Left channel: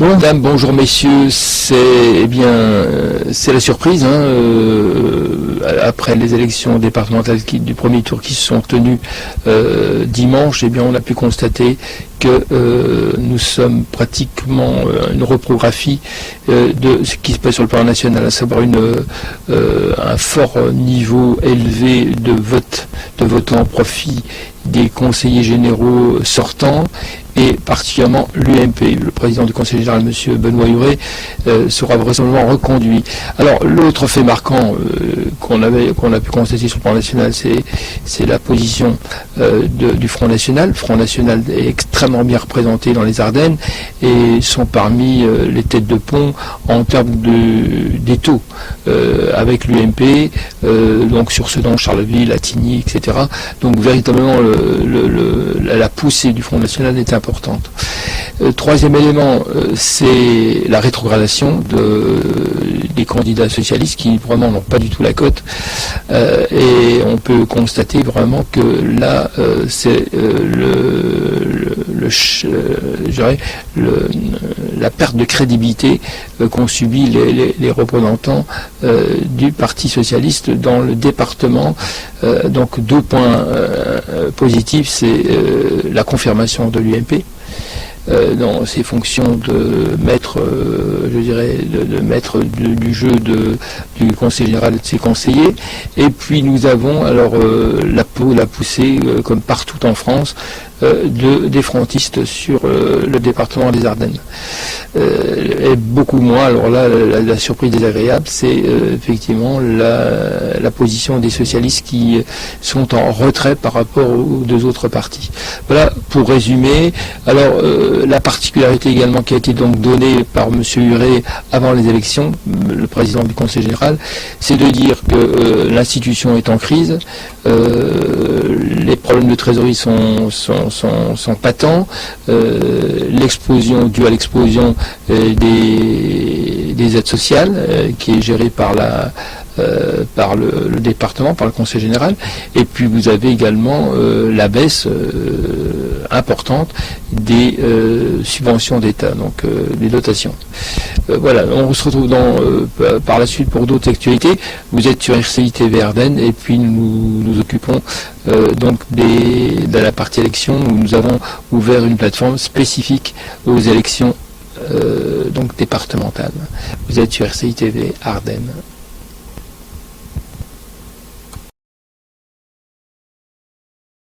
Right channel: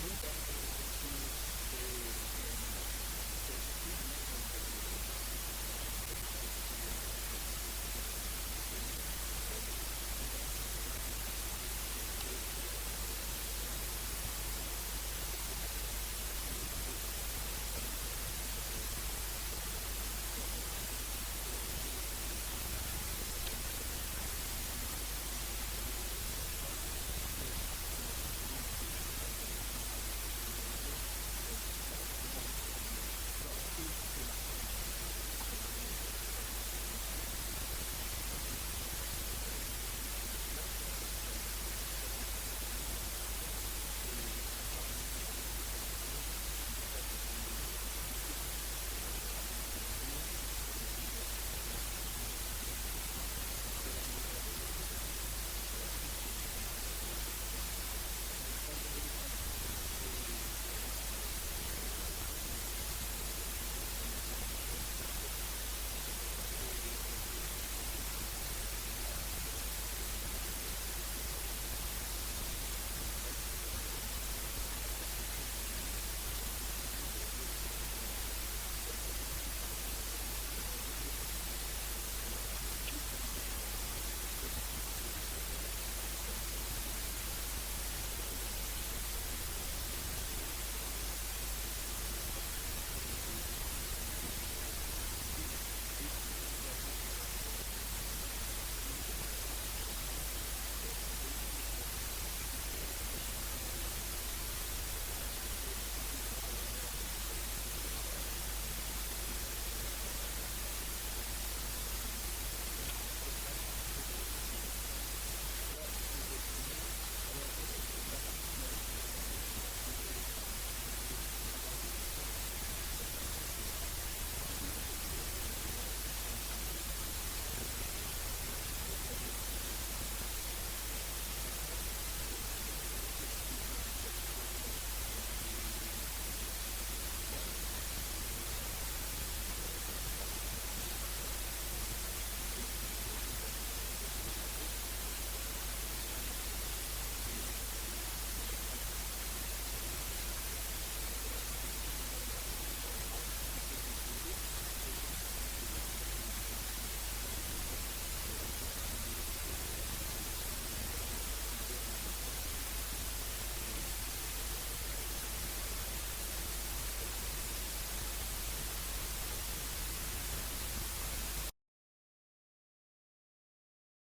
Bonjour madame, bonjour messieurs, c'est c'est la surprise après les élections départementales du premier tour qui se sont tenues dimanche. On a pu constater que nous sommes pratiquement une reprographie de ce qui se passe sur le plan national, à savoir un fort niveau élevé de votants au profit des conseillers généraux sortants, et particulièrement l'UMP. Le président du Conseil général, M. Benoît Huré, sera vraisemblablement reconduit. Alors, l'autre fait marquant qu'on a pu constater sur le plan national, c'est la position du Front National. Le Front National est extrêmement bien représenté dans les Ardennes et sont parmi les têtes de pont en termes des taux, avec l'UMP, donc sur Sedan, Charleville, Attigny, etc. Donc, véritablement, la poussée du Front National est importante. Troisième élément, c'est la rétrogradation des candidats socialistes qui vraiment n'ont pas du tout la cote, et on peut constater vraiment que là c'est la perte de crédibilité qu'ont subi les représentants du Parti socialiste dans le département. Donc deux points positifs, c'est la confirmation de l'UMP dans ses fonctions de maître, du jeu du Conseil général et de ses conseillers. Et puis nous avons alors la poussée, comme partout en France, des frontistes sur le département des Ardennes. Et beaucoup moins, alors là, la surprise désagréable, c'est effectivement la position des socialistes qui sont en retrait par rapport aux deux autres partis. Voilà, pour résumer. Alors, la particularité également qui a été donc donnée par M. Huré avant les élections, le président du Conseil général, c'est de dire que l'institution est en crise, les problèmes de trésorerie sont patents, l'explosion due à l'explosion des aides sociales, qui est gérée par le département, par le Conseil général, et puis vous avez également la baisse importante des subventions d'État, donc des dotations. Voilà, on se retrouve par la suite pour d'autres actualités. Vous êtes sur RCI TV Ardennes, et puis nous occupons donc de la partie élection, où nous avons ouvert une plateforme spécifique aux élections donc départementales. Vous êtes sur RCI TV Ardennes.